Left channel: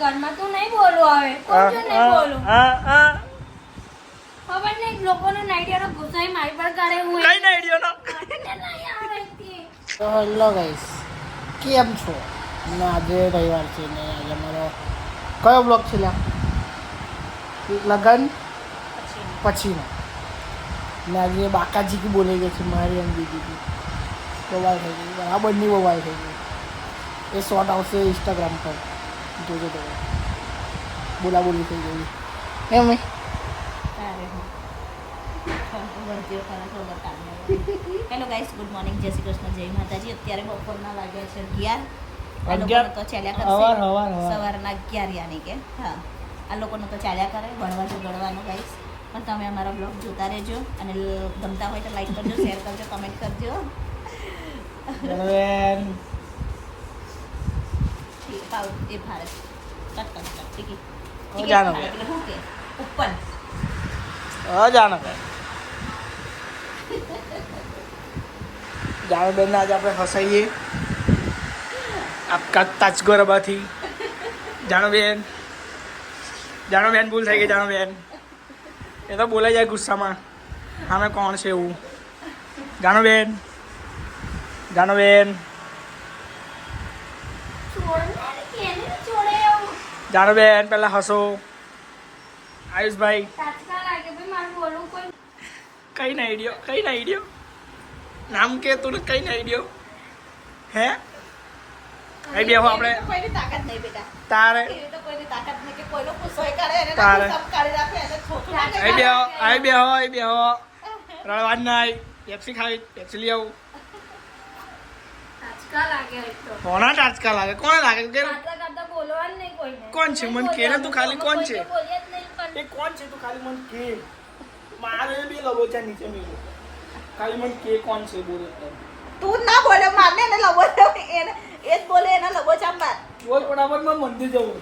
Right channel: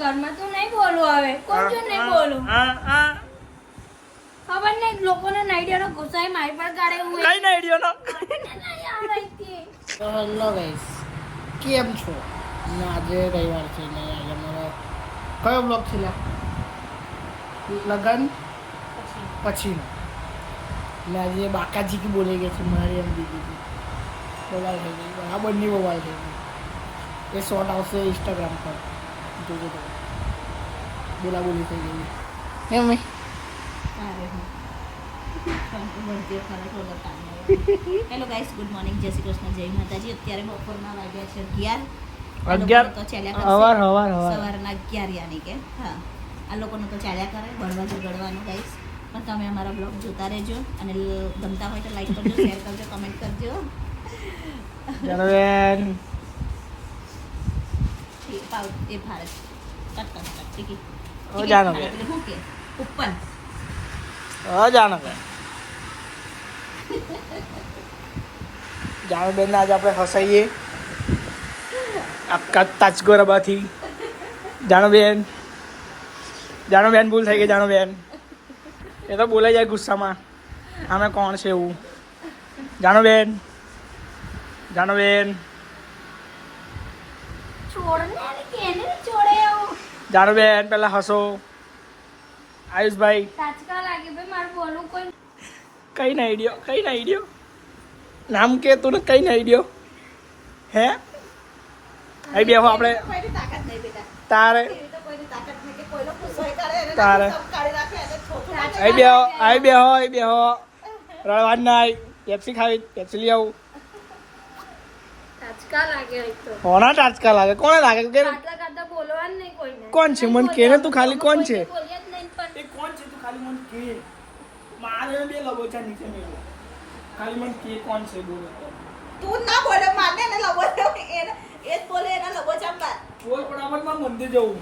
ઘરમાં તું નહીં બોલું હવે કોણ જો નહીં બોલું ખબર નહીં લોકોને નાઈડિયાનો ગુસ્સાઈ મારી પર કરે હું કઈ નાઈડિયાનો તો હેલો ગાઈસ, કેમ છો? ને આજે રવિવાર છે ને આજે અમારો કયો બ્લોગ છે લગન પછીનો ને આજે બાકાજી કી બોલાઈ ગઈ છે મારી અને દીદી બવાલ થઈ ગઈ બરાબરની બવાલ થઈ ગઈ એ શોર્ટ આવશે ઇન્સ્ટાગ્રામ પર જોજો તો બોલાબોલી થઈ ગઈ એમ હેલો ગાઈસ, ગુડ મોર્નિંગ, જય શ્રી કૃષ્ણ, જય માતાજી. અત્યારે બપોરના વાગ્યા છે 11 તો ચાલ્યા સવાર સવારના 11 યાની કે હા આ લોકોનો તો ચાલ્યા કરે ભણવા જગડવાનું ગાઈસ. પણ તમે અમારા બ્લોગ જોતા રહેજો અને ગમતા હોય તો લાઈક કરજો, શેર કરજો, કમેન્ટ કરજો. પાવ એ ભારત કટ ટીકી એટલે શું કે ઉપર જાણો બેન આજે આપણે હસાઈએ આપકા તાજગોરાબાથી. જાણો બેન ભૂલ થઈ ગઈ. જાણો બેન એ તો બોલાઈ જાય ગુસ્સામાં અમે કોણ છે એવું. જાણો બેન જાણો બેન પેલા હસો. આયુષભાઈ કઈ ના આઈડિયો નામ કે તું કઈ ના આઈડિયો હે આઈ બેહો આપણે તારે આઈ બેહો રળવાન ના પેપ્સી ખાવી પેપ્સી લઈ આવું. કોના ટાચકા લાગે કોને લાગે કોણ છે મન કે તું ખાલી કોણ છે એ કોણ છે તું ખાલી મન કે મારે બે લગોચા નીચે મેલો ખાલી મન કે કોણ છે બોલે તું ના બોલે મારને એને લગોચા એને એ જ બોલે એના લગોચા માર બોલ ફટાફટ માં મંદિર જવું.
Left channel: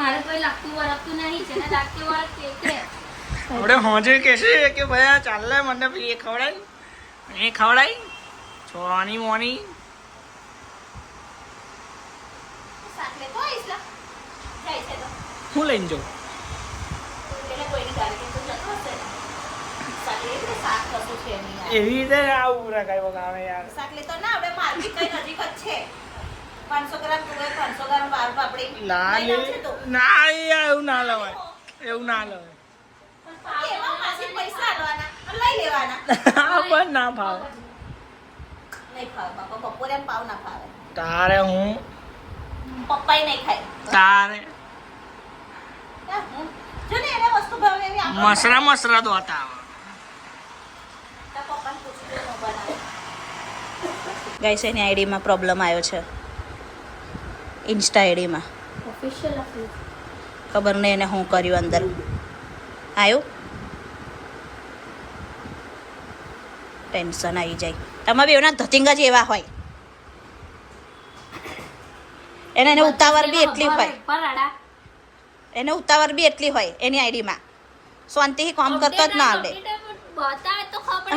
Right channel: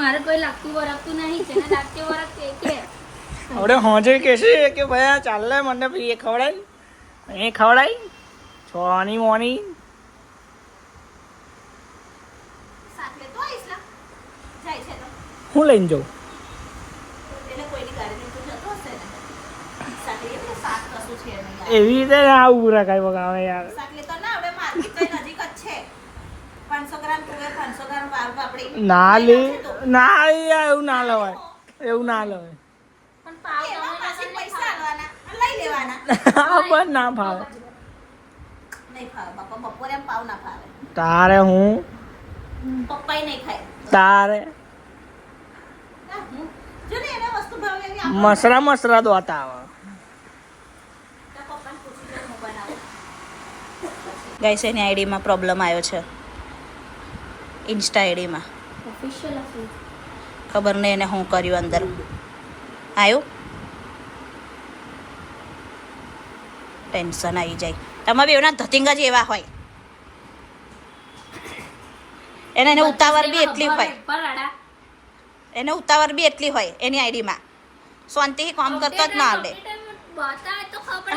મારે કોઈ લાગતું વરખતું નહીં છે ને લાગતું વરખ કે હવે હોજે કહેશે કે ભાઈ ચાલે મને એ ખવડાય છોની મોની હું લઈને જાઉં એવી રીતે આવું પૂરા કઈ બગાવે યાર. ના લે ના એવું ના લેવાય પણ ના ભાવે તારે હું તારે મસરા દોતા આવે. ગાઈસ એની આઈડીમાં પ્રોબ્લેમ આવ્યો છે ઇન્સ્ટા આઈડીમાં ખબર નહીં એને શું કર્યું અંદર આવ્યું ટેન્શન આવી જાય. તમે બી એના ધતિંગા જ એવા હોય એને ઉતાવળ બી એટલી હોય એની આઈડીમાં શાંતિથી કામ કરતો જ ના આવડે.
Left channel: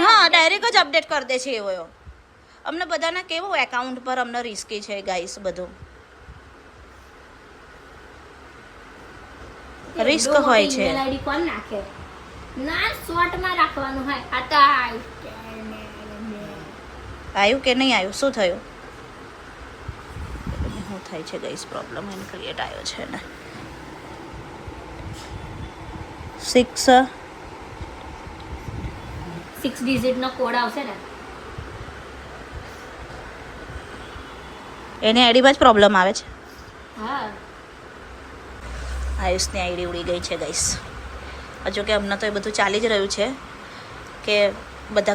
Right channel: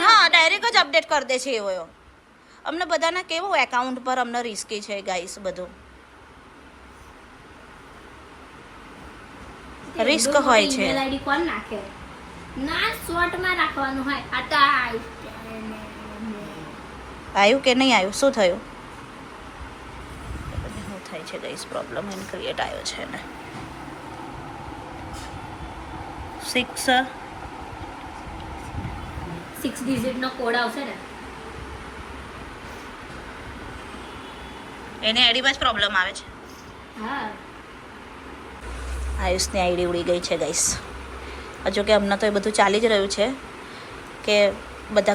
હા ડાયરેક્ટ જ અપડેટ કરી દે છે એવો. અમને બધાના કેવું એકાઉન્ટ પર અમને રિસ્કી છે ગાઈસ બધું રિસ્ક હોય છે. આઈડી કોણ નાખે ના શોર્ટમાં રાખવાનું હોય. આતા આવ્યું કે નહીં આવ્યું શું થયું શું થાય છે ગાઈસ પ્રોબ્લેમ એને ક્રિએટ આવ્યો છે ને 6 ડિજિટ નો કોડ આવશે ને એની આઈડીમાં જ પ્રોબ્લેમ આવે છે. હા આયુષની આઈડી ઉડી ગઈ છે ગાઈસ. હજુ કે અમને તો એ બધું ચાલી જ રહ્યું છે કે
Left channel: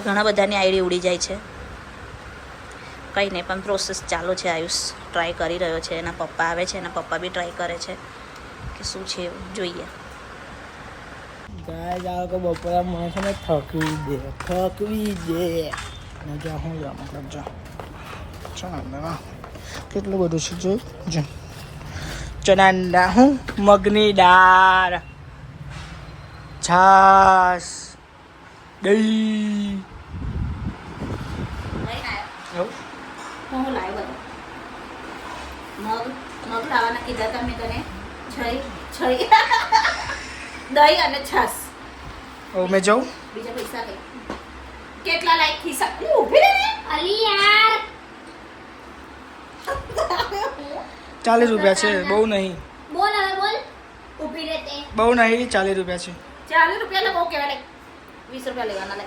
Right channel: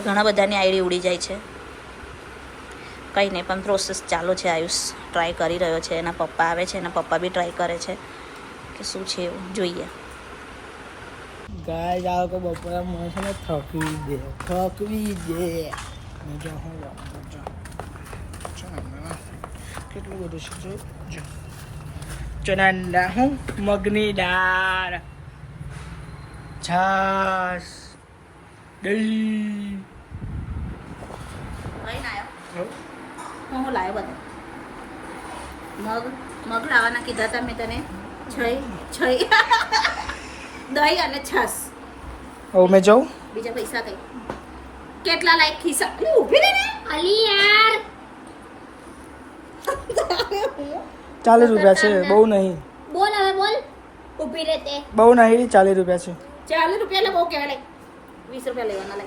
ઘણા બધાની આઈડી ઉડી જાય છે. કંઈ નહીં પણ પ્રોસેસ ચાલુ છે. આયુષ ટ્રાય કરી રહ્યો છે, એના પપ્પા આવે છે, એના પપ્પા બી ટ્રાય કરે છે કે શું છે એવું જોઈએ. ગાય જાઓ કે બપોરા મને છે ને થકવી દે મજા હું મતલબ જા કેટલું બધું છે જો ચણા હું મગની દાળ છાસ દહીં હું લાવ્યો બધું મગ લાવવાના કીધા હતા મેં તને. છઈ દહીં અને છાસ. હવે મેં જાઉં. બીજા પૈસા કઈ કેટલા લાયક ખિસ્સા ઊભી રહે ને. અલી યાર 40 રૂપિયા છે, બહુ નહીં. બોલ હવે બોલ ઊભી રહેતે બહુ નહીં, 40 રૂપિયા છે. 40 રૂપિયા લે બહુ કહેવાય. 20 રૂપિયા લેવાના લે.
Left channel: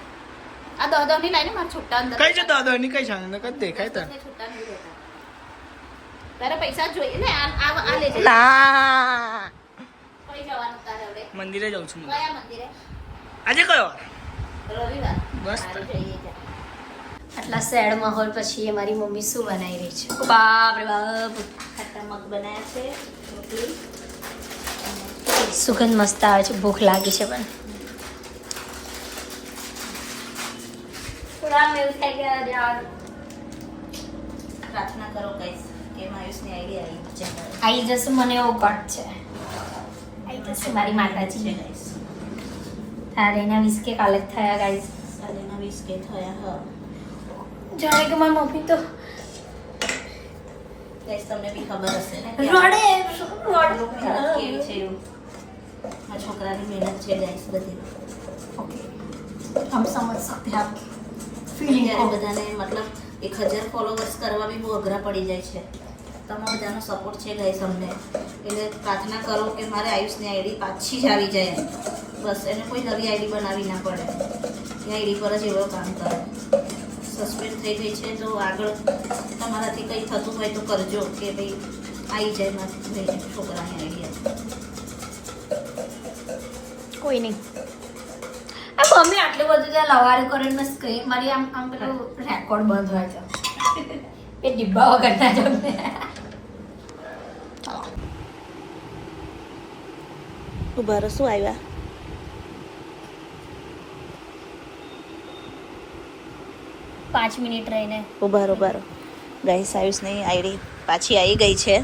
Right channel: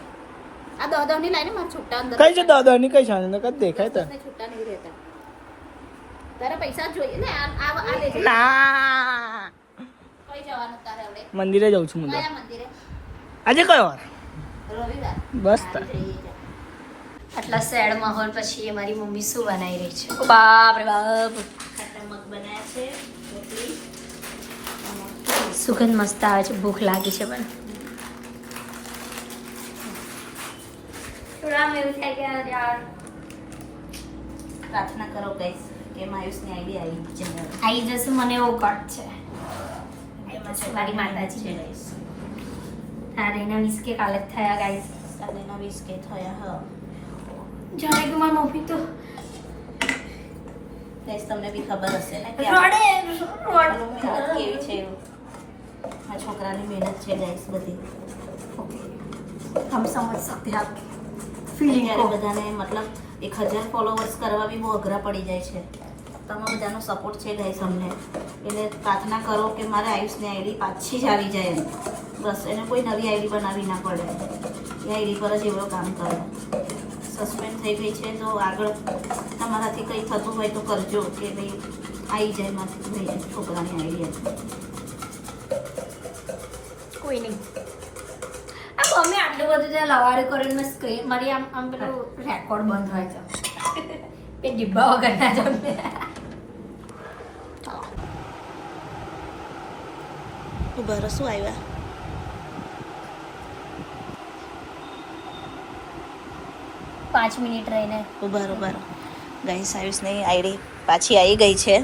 આ 10 ની લાઈને મારા છોટા અંદર કઈ છે દાદાની કઈ છે ને કદ દેખાય તને? છોટા નહીં રહેતા. તારે પૈસા જોઈએ ને આ લેજે. ના, કઈ જવાનું તારે હવે? મંદિરે જાઉં છું. કયા મંદિરે? આજે કયો વાર? રવિવાર. બસ તો. સારું, જઈએ જા. આટલા સેડ માહોલ પછી મારી મમ્મી શું બનાવી રહી છે? ઓ બાપ રે બાપ, ખાટા મગ બનાવ્યા છે, રોટલી. સુગંધ મસ્ત આવે છે. ભૂખ લાગી છે પણ થોડા એવું થાય કે યાર પ્રાર્થના કરો ગાઈસ કે માયુસની આઈડી આવી જાય. આઈ જશે, મને એવો કટ છે. આઈ જશે મારી માતાજી. ગાઈસ તારે એના 20 કે કાલે જ થયા ગાઈસ. સાલેના 20 કે થયા હા. જાણે કે મારી મમ્મી તો ગાઈસ તમને બી ખબર હશે ને કે રડે મહેનત કેવી છે એવું. આ છોકરાની મહેનત છે ગાઈસ બધી. हम समझ सकते हैं आपकी फीलिंग को. ત્યારે બધાને મતલબ 1000 ફોલોવર્સ કરવા બી બહુ અઘરા પડી જાય છે. તમારા બધાનો સપોર્ટ છે ગાઈસ અમને. એટલે પ્રાર્થના કરો કે મારે આયુષની આઈડી પાછી જ આવી જાય એમ. બસ એને કોઈ નવી આઈડી બનાવી ના પડે. એ આઈડી પર જ એવો કામ કરે. સસ્પેન્ડ થઈ ગઈ છે તો આગળ તમારાથી કંઈ થતું હોય તો કરજો કે ભાઈ આવી જાય મારી છોકરાની આઈડી. કોઈ નહીં. આ મમ્મી આટલું બધું ત્યાં લવારી કરીને મેં સ્ક્રીન મારી આમ આમ પેલું રેકોર્ડ બંધ હોય છે. એ ડિબ્બા વગર ના જો ને. ઉભારો શું આવ્યા? પાંચ મિનિટ રહીને ઉભારો ગાઈસ આયુષની આઈડી પાછી આવી ગઈ છે.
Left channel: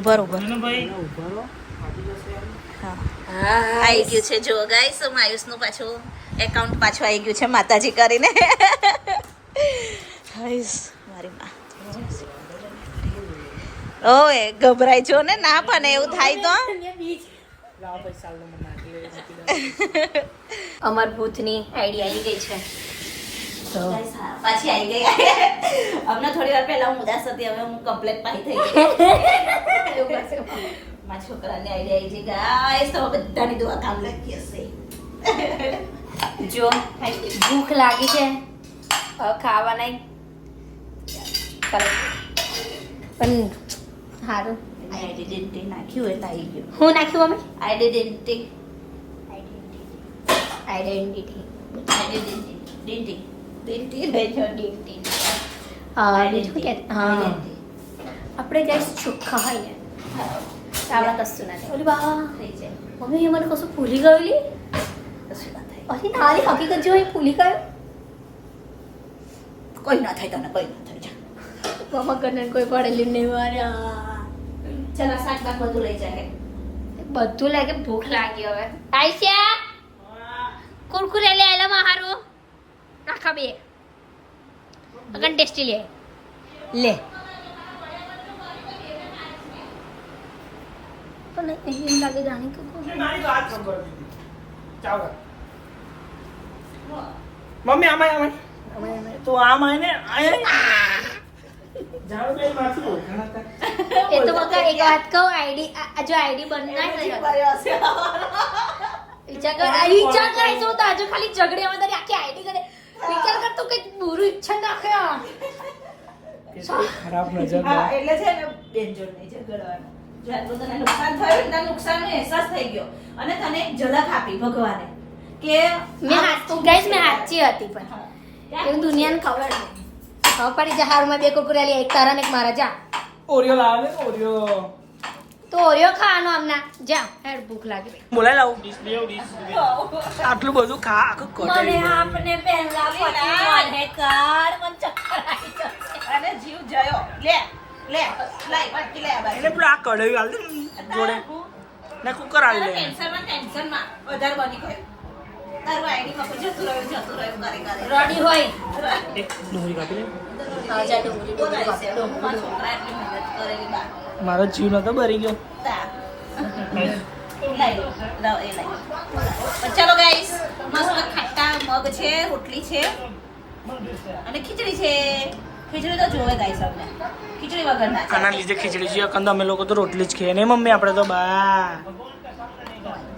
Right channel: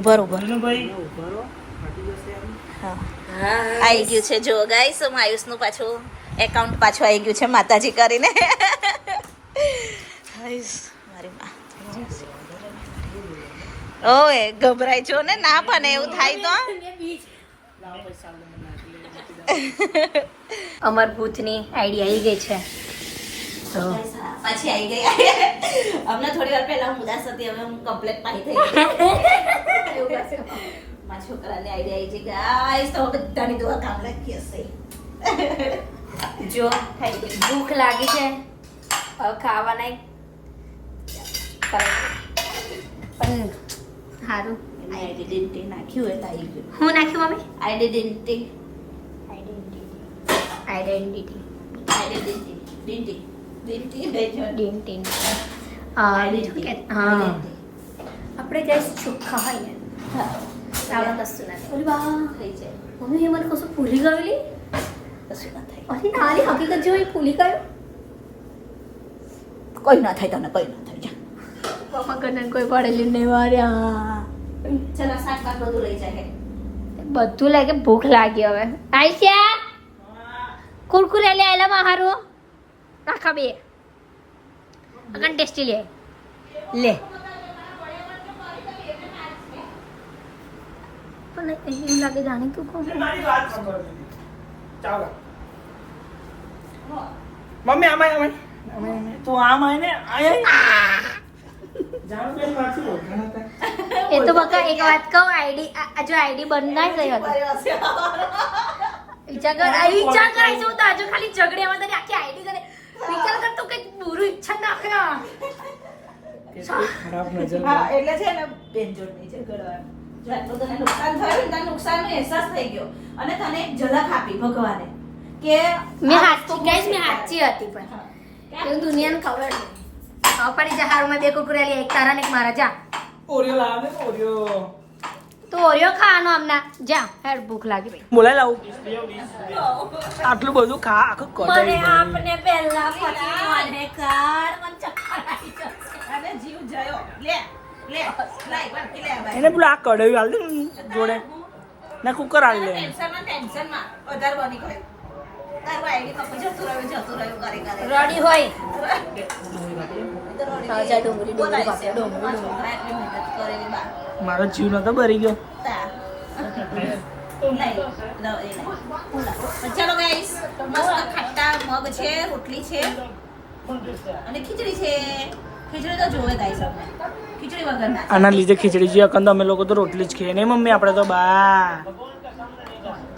ઉભારો હા આવી ગયું છે. જો ગાઈસ આયુષનું પાછું એકાઉન્ટ પાછું આવી ગયું છે માતાજી કરીને. ગાઈસ મારી માં ઓય ગભરાઈ જો ને ના પણ એવું થાય તો. અમર ભૂતની આઈડી આવી ગઈ છે તો પાછી આવી ગઈ. અમને થોડી વાર પહેલા હું ઉદાસ હતી, હવે હું કમ્પ્લેટ પાઈ થઈ ગઈ. એવું કરશે મારા છોકરાની આઈડિયા આવી છે ગાઈસ. તો બધાની દુઆ કામ લાગી હશે. જો ભૂખ લાગી છે હવે ખાવાના પણ સારું. આઈડેન્ટિટી નાખ્યું એટલે આવી ગયું. હું નાખ્યું મમ્મી? આઈડેન્ટિટી આઈડેન્ટિટી બીજું કે હા આપણે જઈશ ચોખ્ખા હોય ને આપણે કશું ના થાય. ઓલી બા મમ્મી એ મને કશું ભૂલી ગયેલી. અરે નાની હકીકત જો એ ભૂલી ગયો. કોઈ ના થાય તને, કોઈ ના થાય. મમ્મા કને કોઈ પડેલી નહીં માર્યા. ચલો શાક બાક બધું લઈ જાય. બધું લાગે. ભૂખ લાગી હવે. આઈશા કુરકુરે લે એલા મારો રાખા બે અગન ટેસ્ટી લે લે. પણ એમ લાગે જાણે કે કોણ ચાલો મમ્મી આમાં તું આમ આય ને એ તો બકા એક વાત કહું આઈડી જો આઈડી બંધ ના થઈ વિચાર કરે શું તો આજે ખાલી ઝઘડે તારી આખી આઈડી કરે વિચાર કર તું કઈક બુરું ઈચ્છા નાખ્યા. ખરાબ નજર એટલે છે ને બેનજોડ નહીં ઝઘડવાનું. જો આટલું તને નુકસાન થયું ને, તને નુકસાનનો અહેસાસ થઈ ગયો અને તને એક ઝલક આપી ભગવાને કે મેં સાચી હતી પણ એવું દુનિયાને ખબર નહીં. હવે ફરી જા હારુમાં બે કુકુરેલી એક તારા ને એક મારા જા. ઓરિયો લાવે ને ઓરિયો તો ઓરિયો ખાવાનો હમણાં જા. હેડ ભૂખ લાગી ભાઈ. બોલાય લાવું આટલું બધું ખા આખું કોટાવી આપને પહેલા પતિ મને કર મને ચક્કર આવી જશે. અને જીવ જયો. લે લાઈ બાકી લે બાઈ. એને પેલું આ કઢાઈ હાલ દે જોડે ને કુકર હાલી લે ટેન્શનમાં વધારે બની ગયો. તારું આઈડીમાં કોઈ જતું રહ્યું કરે રાણી હોય બોલાય છે મારા છોકરા એટલી મહેનત કરેલી બા મારો જીવ નતો ભરી ગયો. ચાલો ગાઈસ મસ્ત ખટ્ટા મગ છે રોટલી છે અને ખીચડી છે. ખીચડી તો જોવે ગાઈસ અમને ખીચડી વગર ના આના લીધે ખીચડી જોઈએ કંદ અમે લોકો તો રોટલી જ ખાઈએ ને મમ્મી આપણે તો બા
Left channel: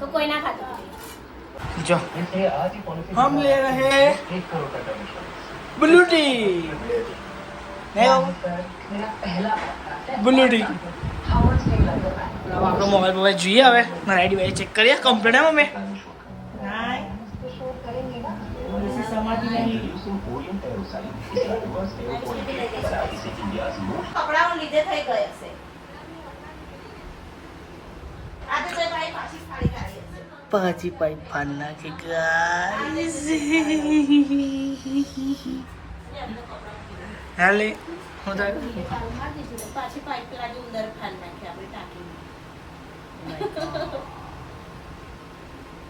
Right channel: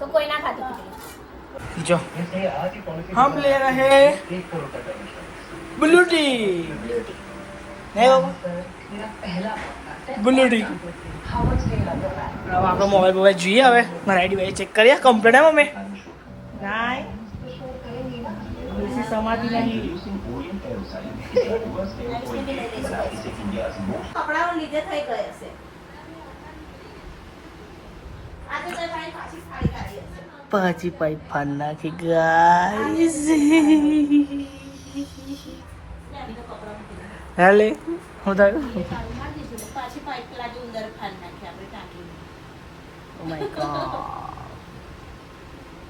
તો કોઈ ના ખાતું. જો હમ લે રહે બ્લू टी नहीं बाबू ब्लू टी આપણો મોબાઈલ જોઈએ હવે મારા આઈડી ભાઈ ચેક કરીએ કમ્પ્લીટ હે મમ્મી નાય સમાધિ નહીં કપડાઓ લીધે થઈ ગયે છે આજે ભાઈ પાછી સાડી કાઢી હશે પાછી પાઇપ ફાન નાખી ગાઈસ હાલે હું તાર પાછી પાઇપ લાગી અંદર ફાલ નાખી આપણે ટાંકી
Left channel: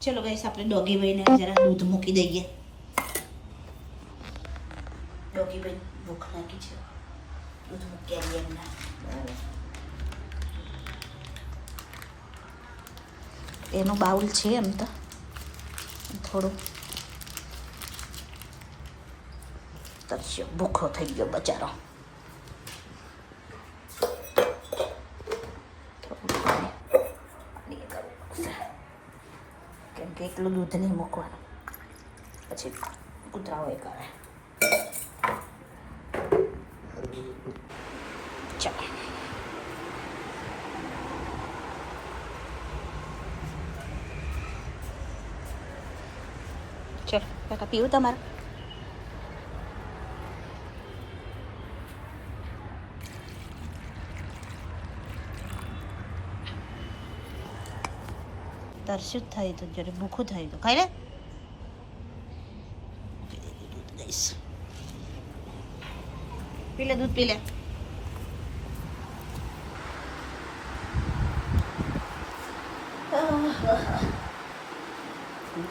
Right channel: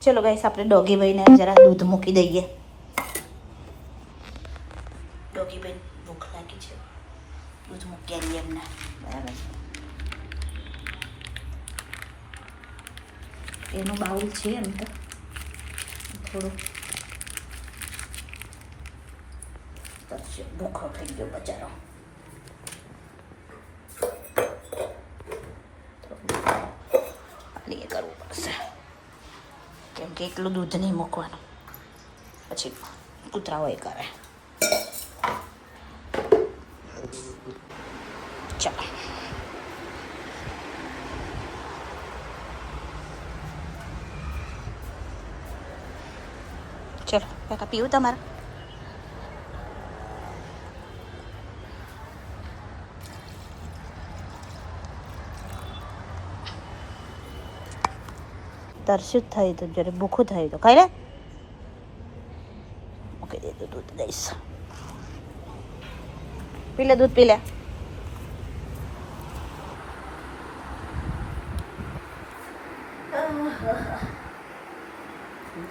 ચલો ગાઈસ આપણે ડોગી ભાઈને જરા દૂધ મૂકી દઈએ. ડોગી ભાઈ ભૂખ લાગી છે દૂધ મૂકી આવીએ એમને બરાબર. એનું બાઉલ છે એમ તો થોડું તરસ્યો ભૂખો થઈ ગયો બચારો. પાણી કરવું પડશે કેમ કે એકલું દૂધ નહીં મૂકવાનું પછી કૂતરાઓ એ કરે. ચાલો ચલો કાકા પીવું તમારે તરસ્યું જ થયું હતું જ્યારે ભૂખું થયું હતું ખાઈ લે મૂકી દીધું દૂધ દઈશ પી લે દૂધ પી લે.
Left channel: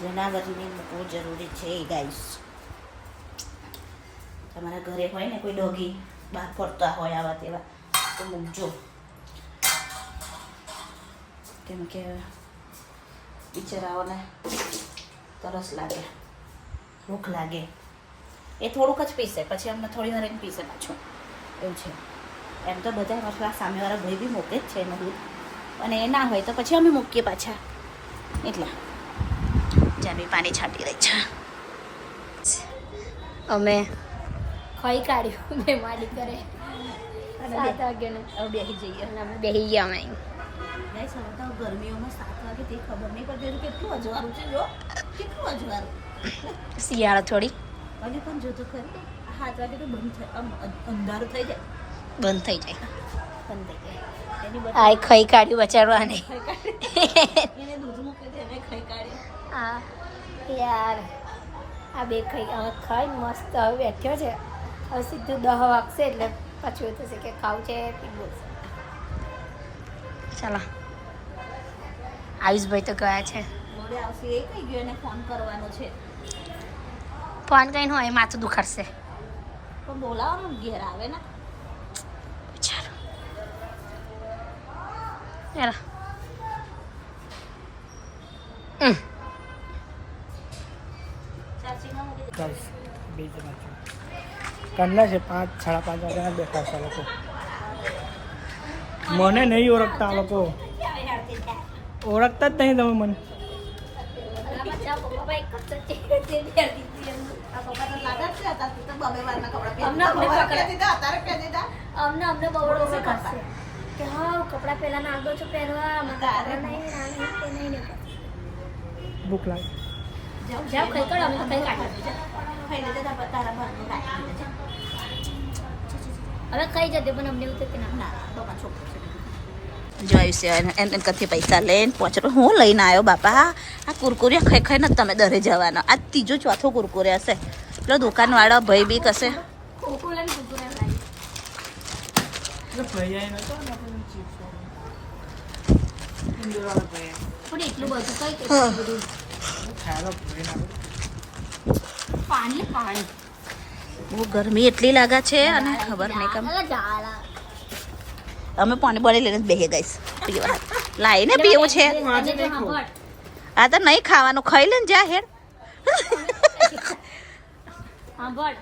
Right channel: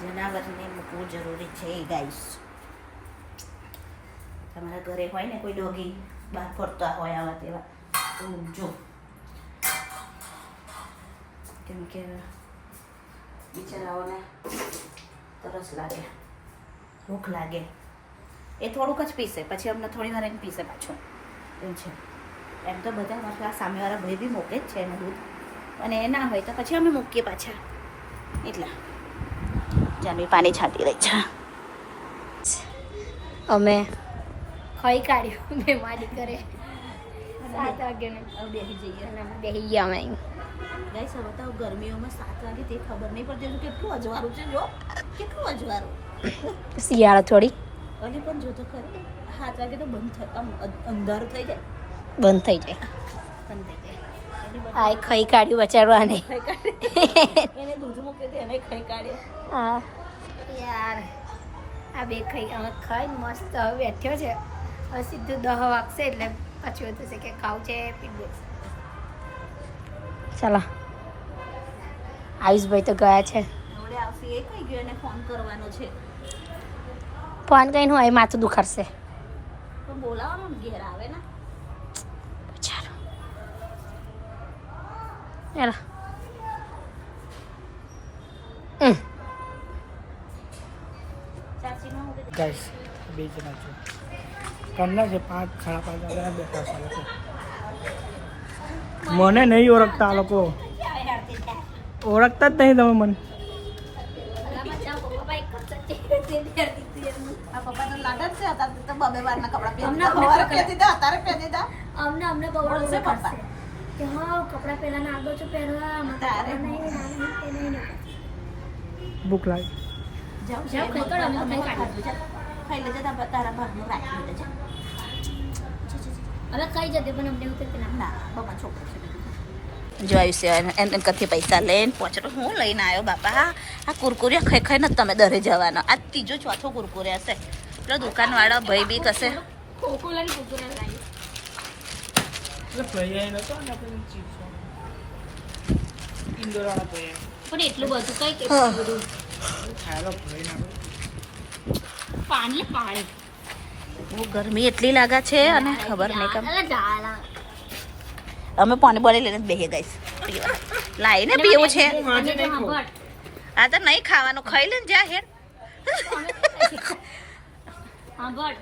જનાવરને મૂકવું જરૂરી છે ગાઈસ. તમારા ઘરે હોય ને કોઈ ડોગી બહાર ફરતા હોય આવા તેવા તો મૂકજો કેમ કે બિચારાઓને તરસ લાગે ભૂખ લાગે એ થોડુંક જ પીશે પછી અમને થોડી વાર એને પીશે પાછું એવું છે. એમ તો બધા મારા સામેવાળા ભાઈ બી મૂકે જ છે એનું દૂધ અને એ ના હોય તો પછી અમે મૂકીએ પાછા એટલે જાનવી પાણી છાંટી રહી છે. અમે ખાઈ કાઢ્યું મેં મારી કરે 7 વાગે ને બેસી જઈએ અને અમે બેસી ગયા અમે ગાઈસ હવે તો ગરમીઓમાં 7 વાગે તે ખબર નહીં પડતી હજુ કેટલું અજવાળું છે જો કેટલું અજવાળું શિયાળા થોડી અને પણ જો તો ખરી 7 વાગે તો બંધ થાય આમ અંધારું થઈ જાય બંધ થઈ જાય એની આ ખાઈ કાઢ્યું બચારવા ને એને દૂધ મૂકી દે એને ખાઈ કાઢ્યો. હા યાર આ બે ખાઈ હવે ખાઈ મસ્ત હવે બેઠ્યો છે. હવે સીધું 10 વાગશે એટલે પછી એવું થશે કે ખાવું છે પીવું છે. ચાલો આયુષભાઈ તો ગયા છે હવે આવશે એ કઈ ગયો એને ફોન કરવાનો છે ફોન કરીને હું અહીં માથું દુખાડશે પણ બોલાવવાનું ને ઘેર આવે ને બચારો યાર ચાચીમાં મૂકી દે. ગાઈસ બે જણા છે કાલના છે 5 સાડા 5 વાગ્યાના બેઠા છે આ લોકો. મને નહીં ઓળખતા આ લોકો ઓળખતા જ નહીં તમે મને આ પપ્પા તો લાગે જ છે અત્યારે તો બબે વારના કપડાં અમને પહેરી સવારે પહેરી દીધા અત્યારે પહેરી દીધા અમને બહુ બોલશે કરશે પપ્પા. કે હા કપડાં પહેલા નાખ દો છો પહેરવા તારે નહીં ભૂખ લાગે જાઓ જાઓ, ખાઈ કાઢો, અમે તો ખાઈ કાઢીએ. ખાઈ લેજે તારા બહારનું રાખી દેજે. હવે કઈ જતે પણ અમને એવું થયું કે ના ના બાપા છોકરો છે જો આવ્યું છે એમ કરતી પૈસા લઈને પહોંચો હું લઈને આવ્યો બાપા આ કુરકુરિયા ખાઈ ખાઈને જ તમે દરે જવાના આ ત્રીજો ચોથો કુરકુરે હશે એટલે દુકાનવાળા ભાઈ બી કશે ખોખો લઈને કુરકુરે લાવી પણ એટલું બધું કઈ કે બધું પાણી બહુ ગરમી એટલી લાગે છે અને ખબર નહીં કેમ ડાળા અમે પાણી પાણી લઈને જ બેસી ગઈશ પીવા લાઈને પીવું છે આ તો નહીં ખાવાનું ખાઈ લે ને જા હેડ હા બોલ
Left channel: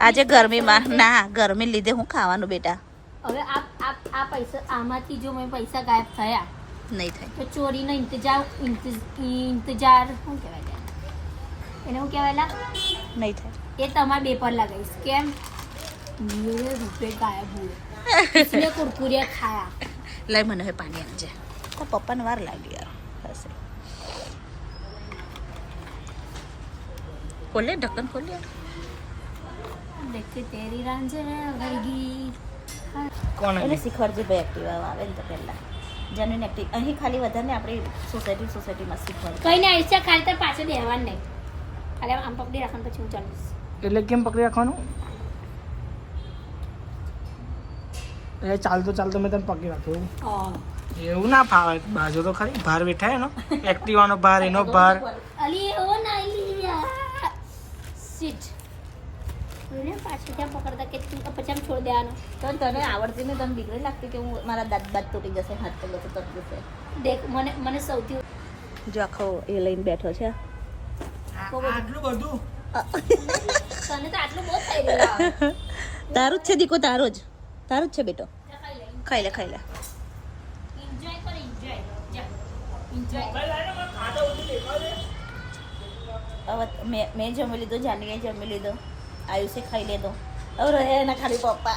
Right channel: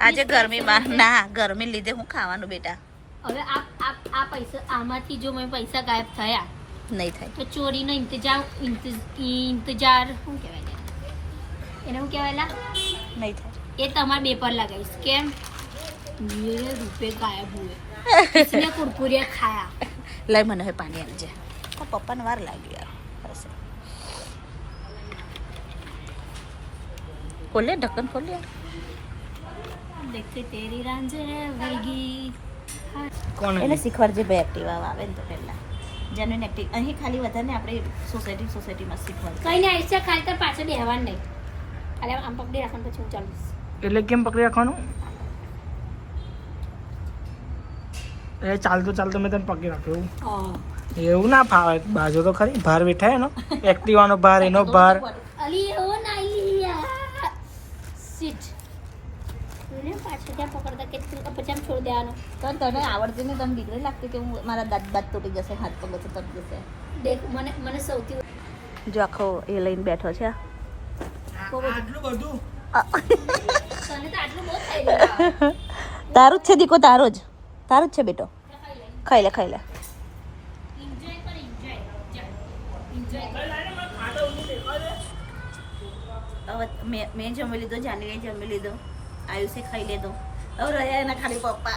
આજે ગરમીમાં ના ગરમી લીધે હું ખાવાનું બેટા હવે આ પૈસા આમાંથી જો મેં પૈસા ગાયબ થયા નહીં થાય તો ચોરીનો ઇંતજાર શું કહેવાય એને શું કહેવાય નહીં થાય એ તમારે બે પર લગાવીશ કેમ ये रुपए गायब हुए इसने कुरकुरे खाया લઈ મને હવે પાણી આવજે પપ્પાને વાર લાગી યાર હશે ખોલે ઢક્કન ખોલે देखते तेरी रांझे वही કોણ એને શીખવાડજે બે એક્ટિવા આવે ને તો પહેલા જેન્યુઇન એક્ટિવ અહીં ખાલી વધારે આપણે સોસાયટીમાં શીખવાડ કઈ નહીં આઈસા ખાલી તાર પાછળ બેહવાનું નહીં ખાલી આમ પકડી રાખવાનું પછી હું ચાલીશ એટલે કેમ પકડી રાખવાનું એ ચાલતો મેં તને પકડી રાખ્યો એવું ના ફાવે બાજુ તો ખરી ભાર બેઠા એનો એક્ટિવાનો ભાર એનો ભાર અલી ઓ નાઈલિયા સીટ એને પાછળ ત્યાં પકડતા કે પછી આમ છોડ દેવાનો તો તને આવડતી ને તને દીકરી લાગતી કે હું મારા દાંત તૂટી જશે હાથ પગ તૂટી જશે દેખ મને સૌથી જો આખો એ લઈને બેઠો છે આટલું બધું તને તો આટલું બહુ થઈ ગયું તારું જ છે દીકો તારું જ છે બેટો ખાઈ લે એન્જોય કર એન્જોય હવે મેં જમી લીધો જાનવીએ જમી લીધો આયુષે ખાઈ લીધો હવે રહ્યા એના ખાલી પપ્પા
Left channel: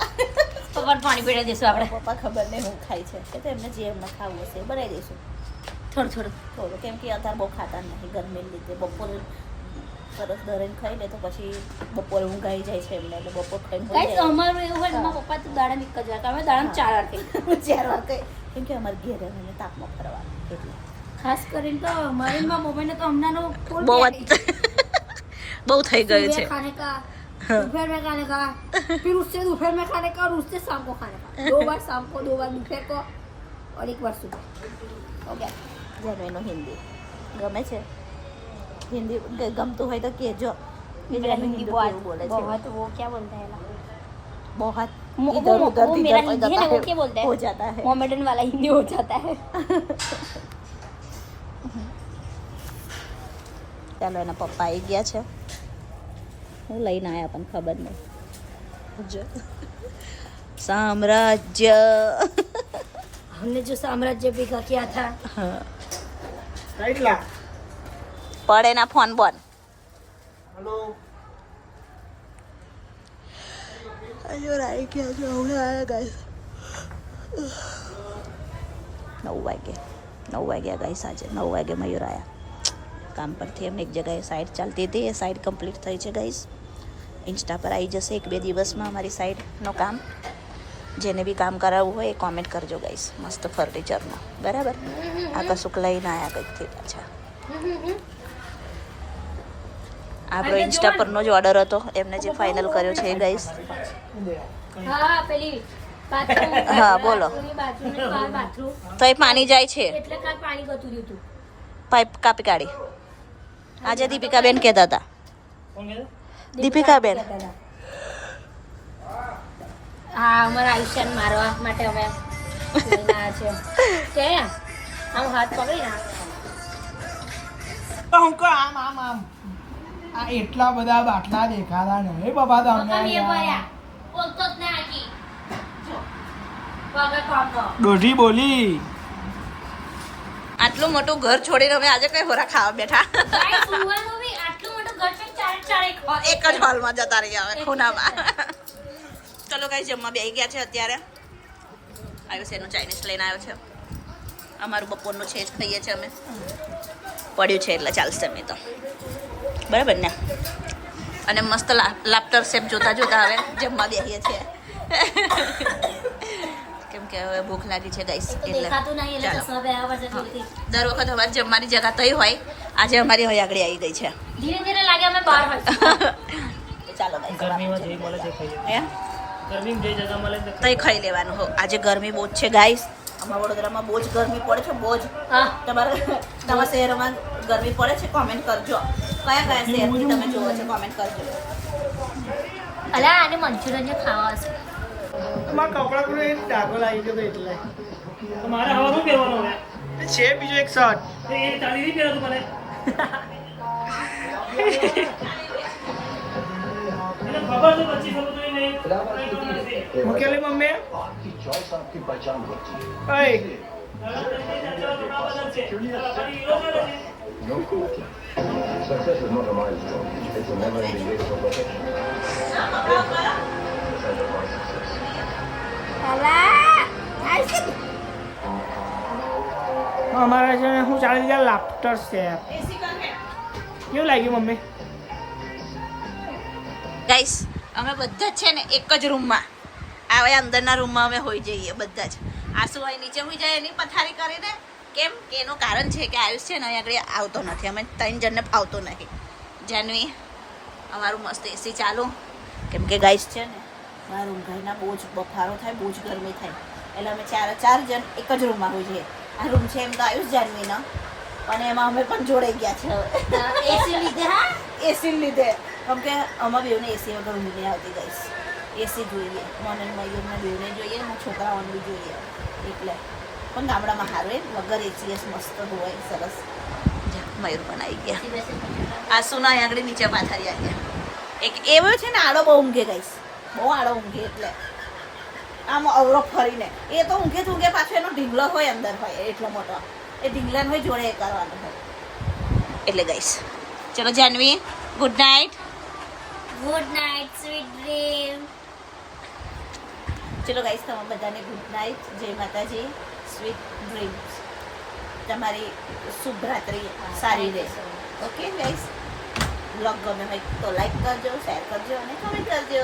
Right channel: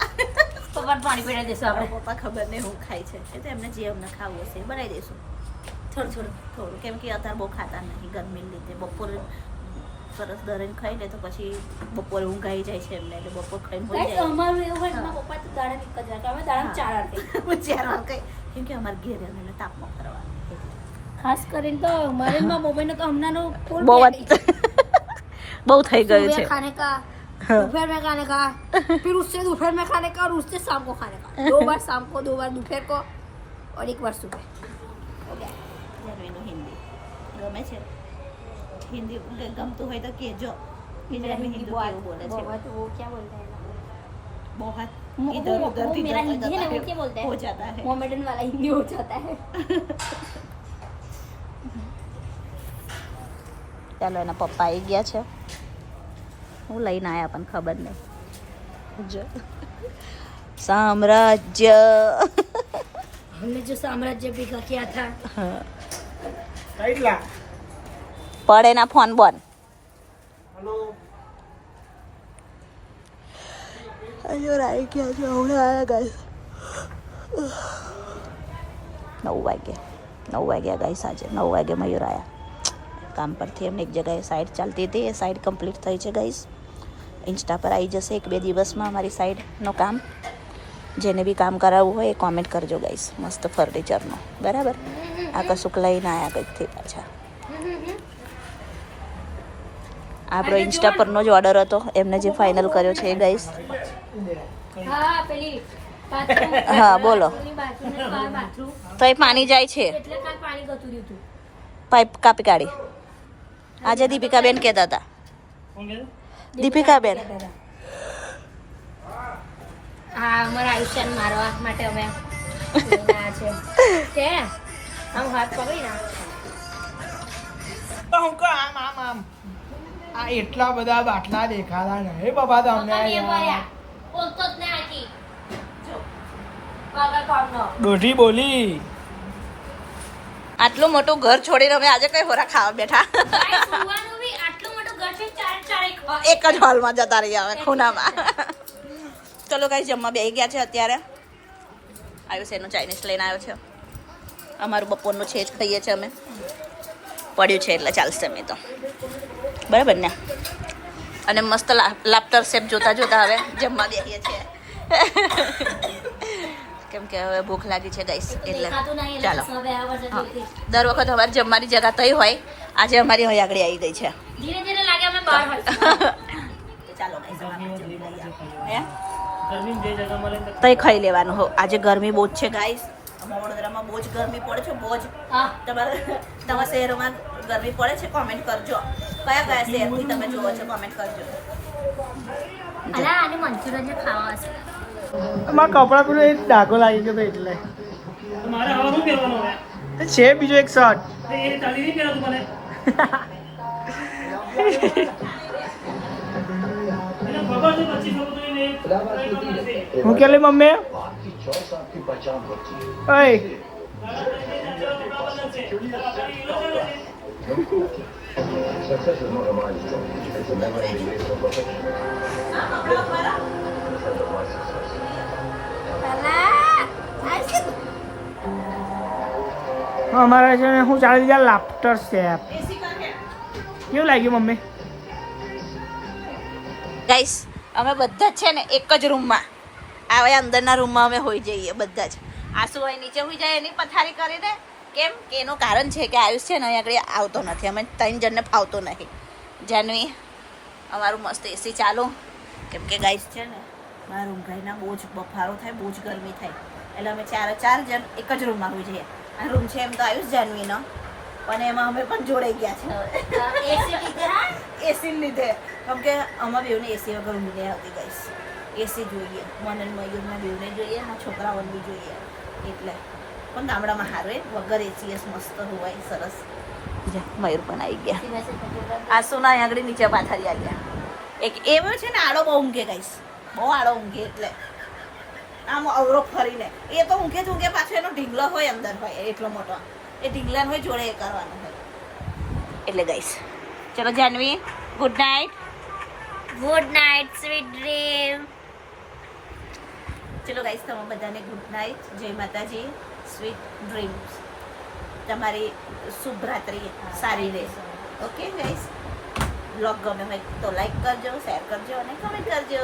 પપ્પાને પાણી પીડા દેશું આપણે પપ્પા ખબર નહીં હું ખાય છે કે તો એમને જે એમને ખાવું હશે એ બનાવી દઈશું થોડું કેમ કે અત્યારે બહુ ખાતા નહીં ગરમીને લીધે બપોરે સરસ દરેને ખાઈ લે તો પછી બપોરે ઊંઘ આવી જાય છે એમને એટલે બપોર ખાઈને હોઈ જાય અમારું એવું હોય મારા પપ્પા તો દાડા એક જ વાર અમે દાડા 4 વાર ખાઈએ. હું 4 વાર ખાઈ કેમ કે અમારે ઘેર એને તાપમાં ફરવાનું એટલે ખાસ કરીને તો મારે મારા મોબાઈલ તો હમણાંનો full બહુ battery. બહુ થઈ ગયું सुबह છે खाने का दोपहर में खाने का फिर उससे दोपहर में खाने का और उससे शाम को खाने का 2 बार शाम को 2 बार दोपहर को और 1 बार सुबह हो गया જાનવીનું હિન્દી ગમે છે હિન્દી ગમતું હોય તો કહેજો કે જાનવી હિન્દી કેવું બોલે છે बहुत वो क्या बोलते हैं बहुत वो- इधर वो- उधर वो इधर मेरा हिंदी है ना, वो क्या बोलते हैं? हो जाता है मोहम्मदन वाला हिंदी हो जाता है ચાલો એના પપ્પા આવી ગયા છે હું લઈને આવ્યા પણ ખબર નહીં જો સામ્રાજ્ય हमने जो साम्राज्य बिका किया था કેટલા પડે ના ફોન બોન હેલો અયો રાઈ ગયા છે હમણાં આવ્યા ગાઈસ 9 વાગ્યા ગાઈસ આજે 9 વાગે મયુર આવ્યા કામ પરથી એમને એક જગ્યાએ સાઈડ ચાલતી હતી એ સાઈડ કમ્પ્લીટ થઈ છે ગાઈસ ઇન્સ્ટા પર આવી જશે 1-2 દિવસમાં અમારી સાઈડનું કામ જેને બી કામ કરાવવું હોય એ કોમેન્ટ કરજો ગાઈસ મસ્ત ફર્નિચરનો બરાબર આ કશુંક લઈને આવ્યા કંઈકથી પાછા આપણો ઇન્સ્ટા પરનો જ ઓર્ડર હતો એમને જે ફાઇનલ કર્યો છે એ ગાઈસ हाँ पहली बाथरूम હા બોલો बाथरूम તો એ પાણી જાય છે એટલે કાલ પાણી ગતું રહ્યું હતું પાઇપ કાપી કાઢી આજે દીપિકાબેન કહેતા હતા કોણ કહેતો દીપિકાબેન હા અમારા આયુષ્યને મારવા માટે અમે લઈને આવ્યા છે કેમ આમ હાથ પકડી ના તો હું કહું આમ આમ આમ આ એટલા બધા બાટલા દેખાતા નહીં બાબા તમને યાર. બોલતો જ ના આજી વગર કોમનો દોઢી બોલી આટલું મોટું ઘર છોડીને અમે આજે કઈ હોરા ખાવા બેઠા કાંઈ સુવાનું બી આટલું મોટું ઘર છે ચાર એક જ હોલમાં જતા રહ્યા અમે ખૂણામાં ચલો કઈ જમવા બેસી ગયા છે અત્યારે આવ્યું છે એનું ચાઇનીઝ લઈને આવ્યો છે અમારું બપોરનું છે જ ખાઈએ છીએ અમે પડ્યું છે એટલે ચાલશે અમે તો બરાબર ને અને મસ્ત લાફ્ટર શેપ જોતા જોતા હવે જમવા બેસીએ છીએ કેમ કે હવે ભૂખ લાગી છે ગાઈસ એટલે દેખાતું નહીં એટલે ચાલો સવે આવર જતી હા. હતી દર વખત અમારી જમવાની જગા થઈ હોય આજે અમારી અહીં આગળ આવી ગઈ છે ધીરે ધીરે લાગે અમે બહાર હોય ચાલો ગરમીમાં જઈ બોલે છે ખાઈ ગરમી બે જગ્યા મળે ને તઈ ખાઈ લેવાનું હો આજે ગરમી બહુ જ છે ગાઈસ અમારા વડોદરામાં બહુ જ ગરમી પડે છે બહુ જ હા તમારા શહેરમાં ગરમી પડે છે કોમેન્ટ કરજો કયા કયા શહેરથી તમે જોવો છો કોમેન્ટ કરજો અલા આને મંચુરિયન જે ખાવા હશે મારા કપડા પર એક ડાઘો લાગી ગયો એટલે મારે હવે શું પહેરવાનું હવે છે બીજો એક શર્ટ એ તાળી નહીં પહેરતું મને એને ખબર છે પછી ખબર નહીં હું કે મમ્મી ઓય Success is not a milestone. It's a never-ending race for perfection. અમારે છે ને હું ચાલી ગયા લાફ્ટર શેફ કેવું લાગ્યું મમ્મી ગાઈસ અમે બધા જ છે ને એક જ રૂમમાં આવે અંદરના રૂમમાં અમે હોઈ જઈએ બધા જ આસુ હોય નીચે હોઈ જાય એની પથારી કરીને કેમ કે એનું કારણ છે કે આયુષ છે ને અહીં આગળ આવતો નથી અમે 3 જણને ફાવતો નહીં જાનવી અમારું મસ્ત એસી ચાલુ કેમ કે ગાઈસ છે ને મારા રૂમ ઘરના બહુ જ બફારો થાય બહુ જ ગરમી થાય એટલે અમે 4 જણ એક જ રૂમમાં હોઈ જઈએ આ રૂમ છે એમ તો આયુષ જાનવીનો પણ એમાં અમે પણ જોડાઈ ગયા છે એસી લીધે હા એસી લીધે કેમ કે અમારા બેવને એસી વગર ઊંઘ નહીં આવતી ગાઈસ એસી જોઈએ મને મયુરના બેવને જોઈએ ને છોકરાઓને બી જોઈએ એટલે પણ ગામડામાં સારું એ વગર એસી મસ્ત હોય સરસ જા મયુર પણ આવી ગયા આ સોના અહીં આગળ નીચે પાથરી આવી ગયા એક એવો છે ને આડો બહુ ઊંઘે ગાઈસ બહુ આડો ઊંઘે એટલે આમ અવરો ફરીને એ તો ઊંઘે પાછો એનો ઢીંગલો હોય અંદર હોય એટલો મોટો એ ઢીંગલાને હોય જોડે એ કરવાનું હોય એટલે ગાઈસ ચલો Janvi good night sweet dream ચલો ગાઈસ તમે બધાને ગુડ નાઇટ જય માતાજી સ્વીટ ડ્રીમ્સ તમારી શુભ રાત્રિ સારી રહે ઓકે ગાઈસ બ્લોગ ગમે હોય તો લાઈક કરજો શેર કરજો અને કમેન્ટ કરજો